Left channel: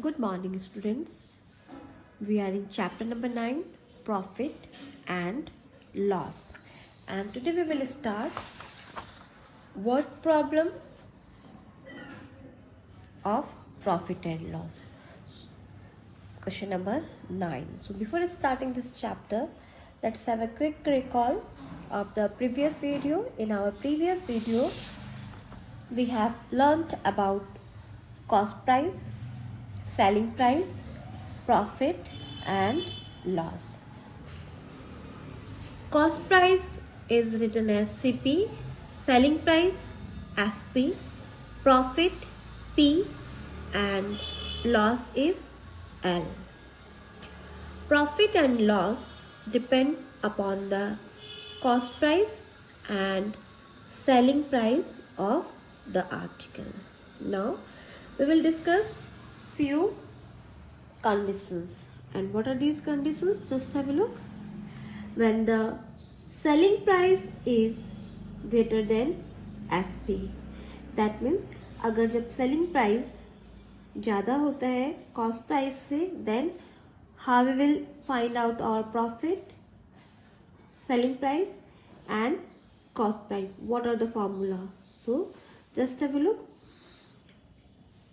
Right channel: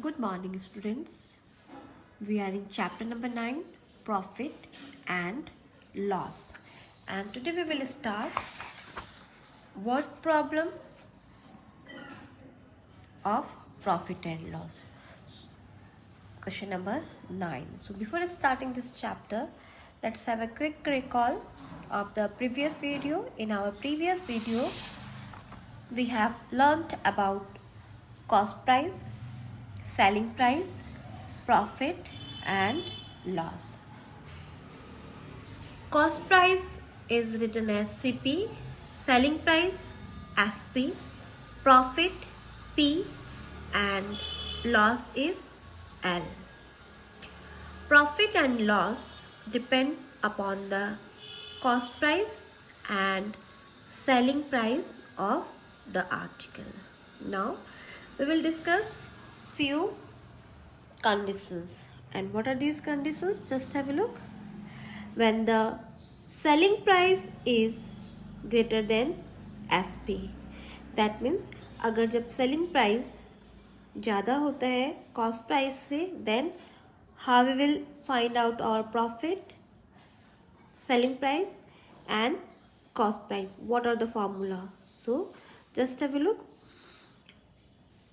Good morning, students. We are in chapter number 9, Profit and Loss. And today we will start word problem of profit and loss. Question number 9. So before starting this chapter, let's have a quick recall of the previous video. In our previous video, we have learnt about cost price, selling price, profit and loss. Cost price is written as CP, selling price SP, profit P and loss is L. Profit and loss depend upon the cost price and selling price of the article. Now we will discuss few conditions. And what are these conditions? Just have a look. When the selling price is greater than SP, that means अगर जब selling price ज़्यादा होता है cost price से, then how we will find out our profit, selling price and cost price. What are the formula? So just have a look.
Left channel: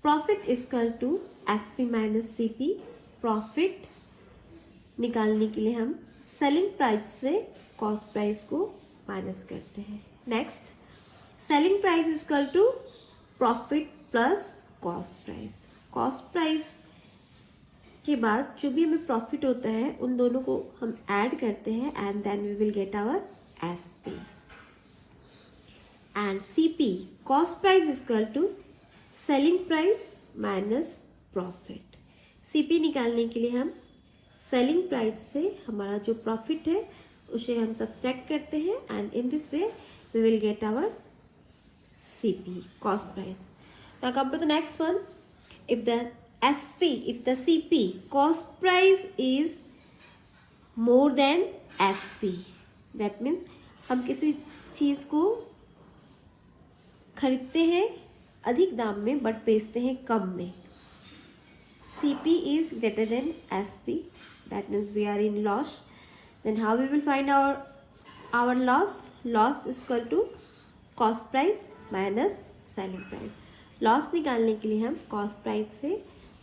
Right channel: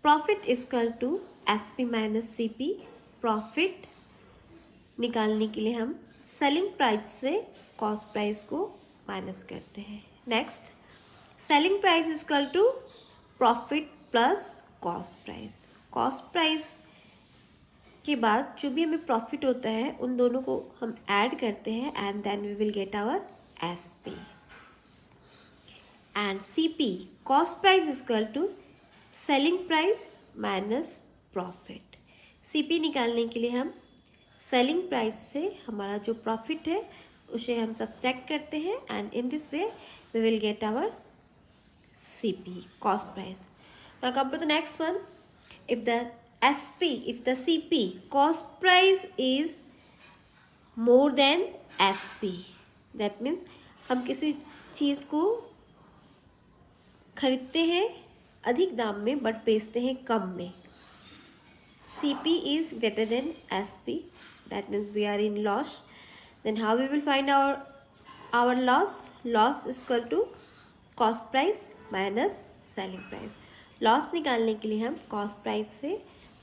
Profit is equal to SP minus CP. Profit निकालने के लिए हम selling price से cost price को minus करते हैं. Next, selling price is equal to profit plus cost price. Cost price के बाद जो भी हमें प्रॉफिट होता है उन दोनों को हम ऐड करते हैं and then we will get our SP. And CP, cost price is equal to selling price minus profit. CP निकालने के लिए हम सेलिंग प्राइस से हमारा जो प्रॉफिट है उसे हम सब्ट्रैक्ट करते हैं and in this way we will get our CP, cost price. Now come to the next one. If the CP cost price is more than SP, that means हम किसी चीज़ को खरीदते हैं अधिक दाम में बट बेचते हैं कम में. CP is greater than SP, that means we are in loss. Then how we will find our loss? Loss is equal to cost price minus selling price. Loss निकालने के लिए हम cost price से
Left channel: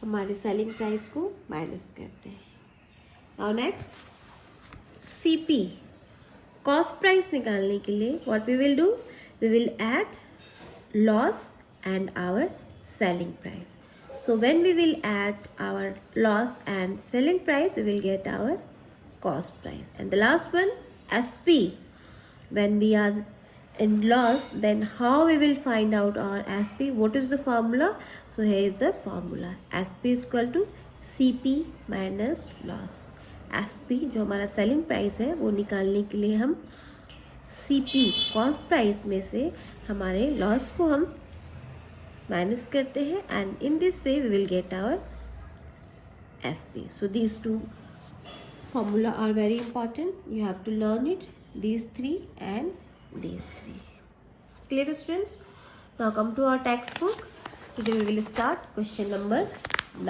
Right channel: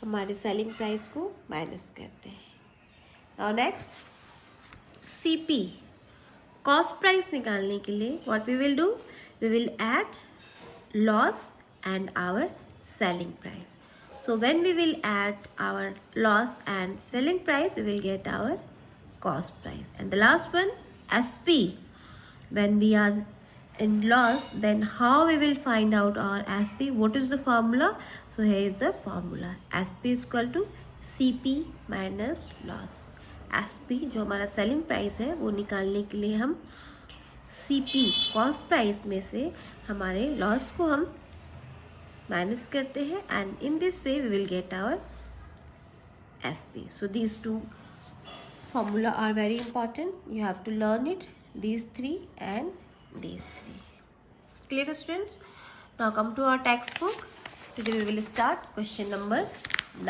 हमारे selling price को minus करते हैं. Now next, CP, cost price निकालने के लिए what we will do? We will add loss and our selling price. So when we will add our loss and selling price, we will get our cost price. And the last one, SP. When we are in loss, then how we will find out our SP? What is the formula? So here is the formula. SP is equal to CP minus loss. SP जो हमारा selling price है वो निकालने के लिए हम CP cost price में से हमारे loss को हम माइनस करते हैं and in this way we will get our SP. So these two formula are very important. You have to learn it, these three and these three. Clear students? Now come to our text book. Today we will start question number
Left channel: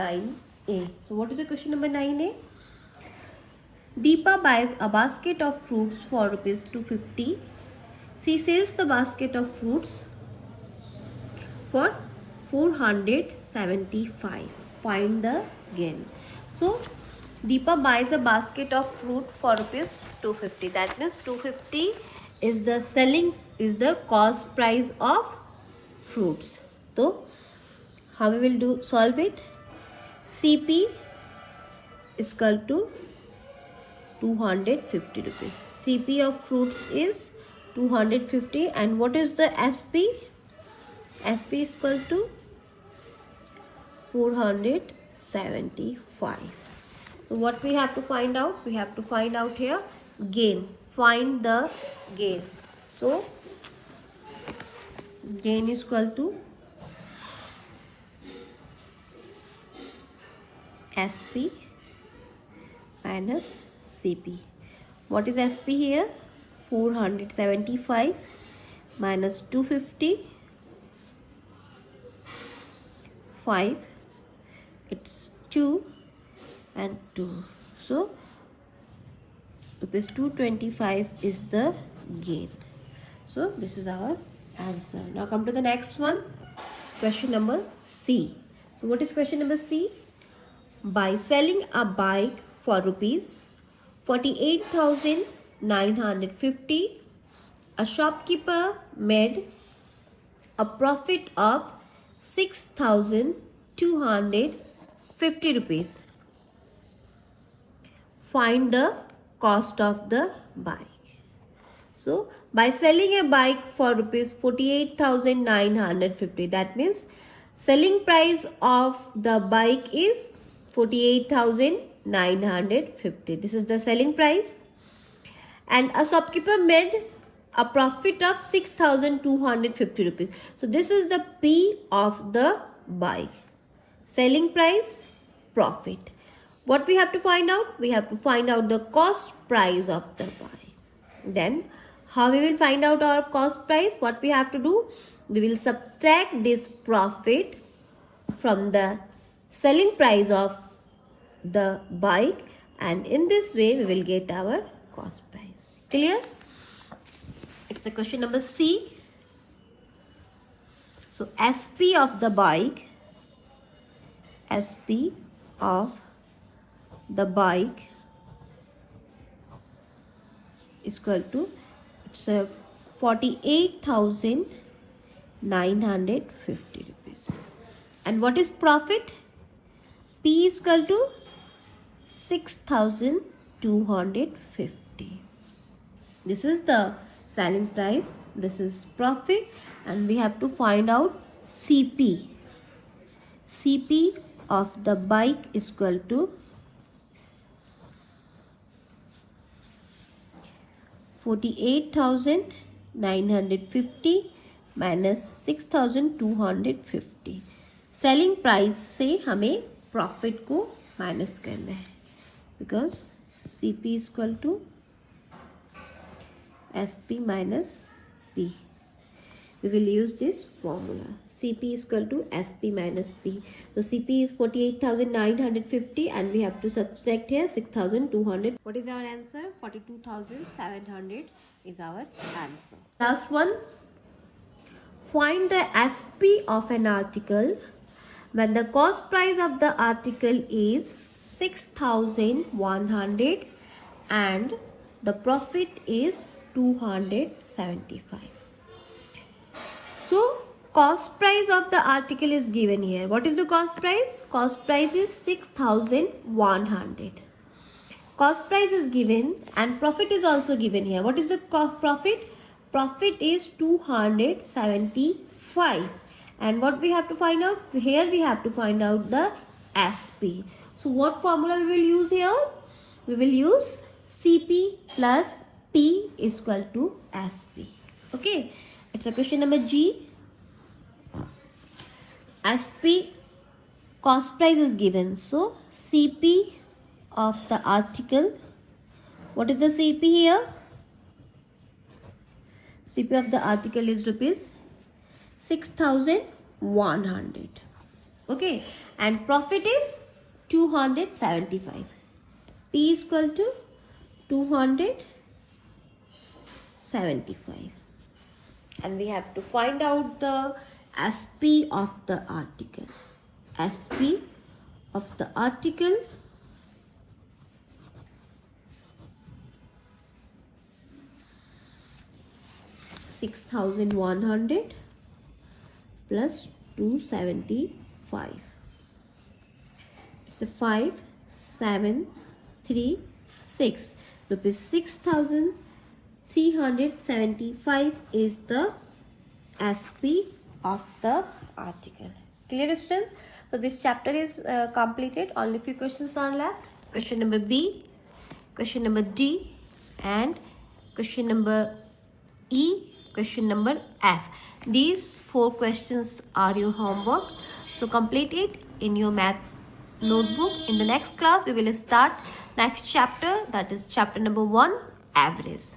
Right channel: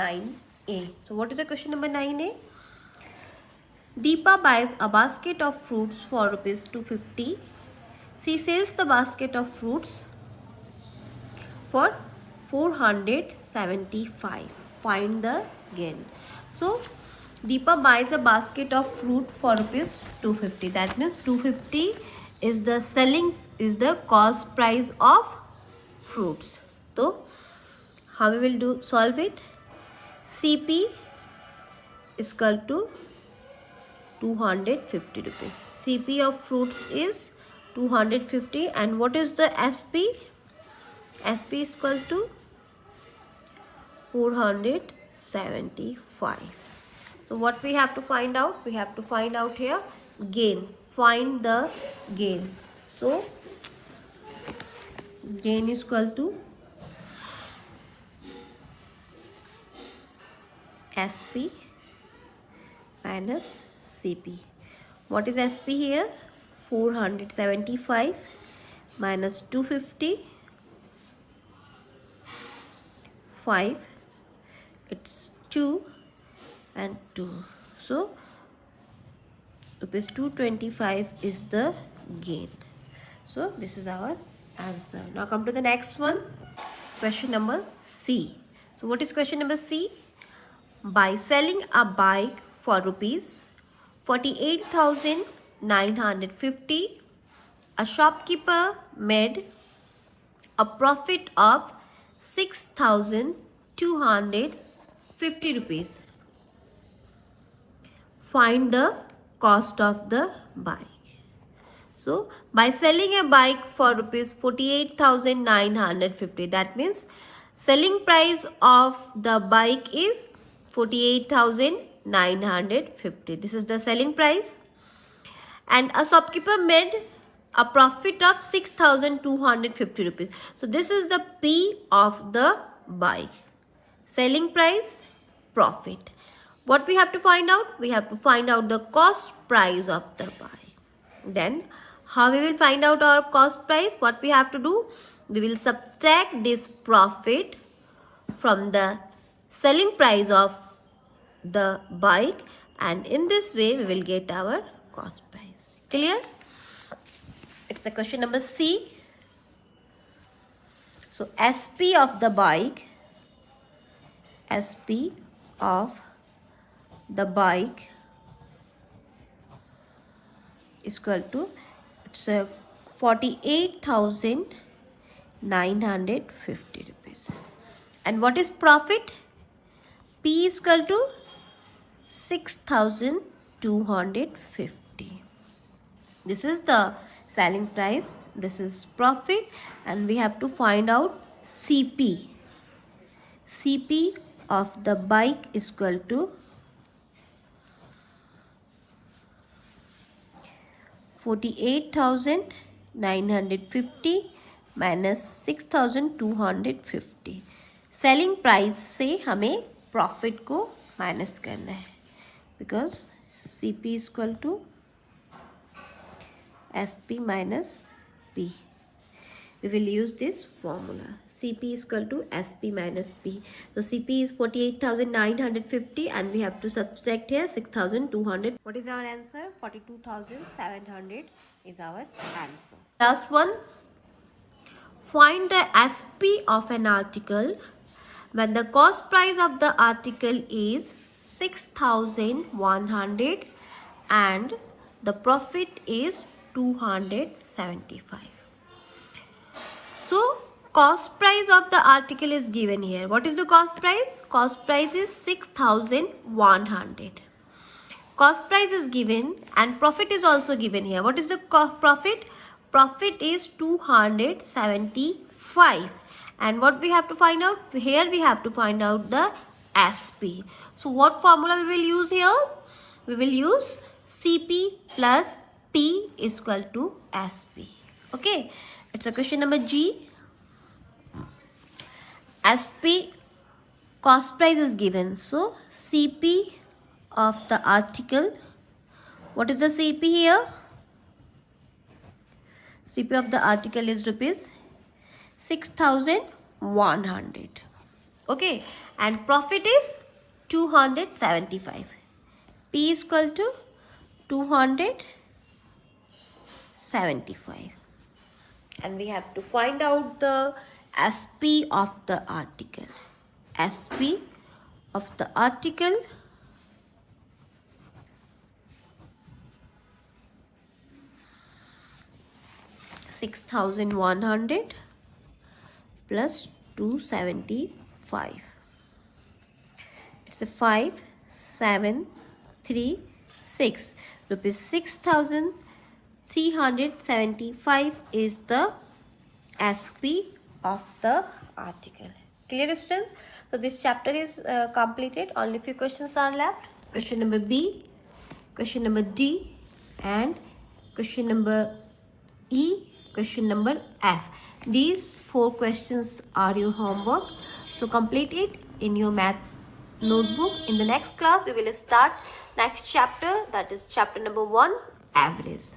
9A. So what is the question number 9A? Deepa buys a basket of fruits for ₹250. She sells the basket of fruits for 475. Find the gain. So Deepa buys a basket of fruit for ₹250. That means 250 is the cost price of fruits. So how we will solve it? CP is equal to 250 rupees. CP of fruits is 250 and what is the SP? SP is equal to 475. So what we have to find out? We have to find out here gain. Find the gain. So gain is equal to SP minus CP. What is SP here? 475 minus 250. 5, it's 2 and 2. So rupees 225 is the gain. So this is our answer. Now come to the next one. Question number C. So what is question number C? By selling a bike for rupees 48,950, a shopkeeper made a profit of 6,250 rupees. Find the cost of the bike. So by selling a bike for rupees 48,950, that means selling price of the bike is 48,950. This is the selling price. And a shopkeeper made a profit of 6,250 rupees. So this is the P of the bike. Selling price, profit. What we have to find out? We have to find out the cost price of the bike. Then how we will find out our cost price? What we have to do? We will subtract this profit from the selling price of the bike, and in this way we will get our cost price. Clear? It's a question number C. So SP of the bike, SP of the bike is equal to, it's a 48,950 rupees. And what is profit? P is equal to 6,250. This is the selling price, this is profit, and we have to find out CP. CP of the bike is equal to 48,950 minus 6,250. Selling price से हमें profit को minus करना है, because CP is equal to SP minus P. We will use this formula. CP is equal to SP minus P. So CP is 48,950 and we have to subtract here 6,200. What is our answer? 42,700 is our answer. Last one. Find the SP of an article when the cost price of the article is 6,100 and the profit is 275. So cost price of the article is given here. What is the cost price? Cost price is 6,100. Cost price is given and profit is also given here. What is the profit? Profit is 275. And what we have to find out? Here we have to find out the SP. So what formula we will use here? We will use CP plus P is equal to SP. Okay, it's a question number G. SP cost price is given. So CP of the article. What is the CP here? CP of the article is rupees 6,100. Okay, and profit is 275. P is equal to 275. And we have to find out the SP of the article. SP of the article $6,100 plus 275. It's a 5,736 rupees. 6,375 is the SP of the article. Clear, students? So this chapter is completed. Only few questions are left. Question number B, question number D, and question number E, question number F. These 4 questions are your homework. So complete it in your math notebook. In the next class, we will start next chapter, that is chapter number 1, average.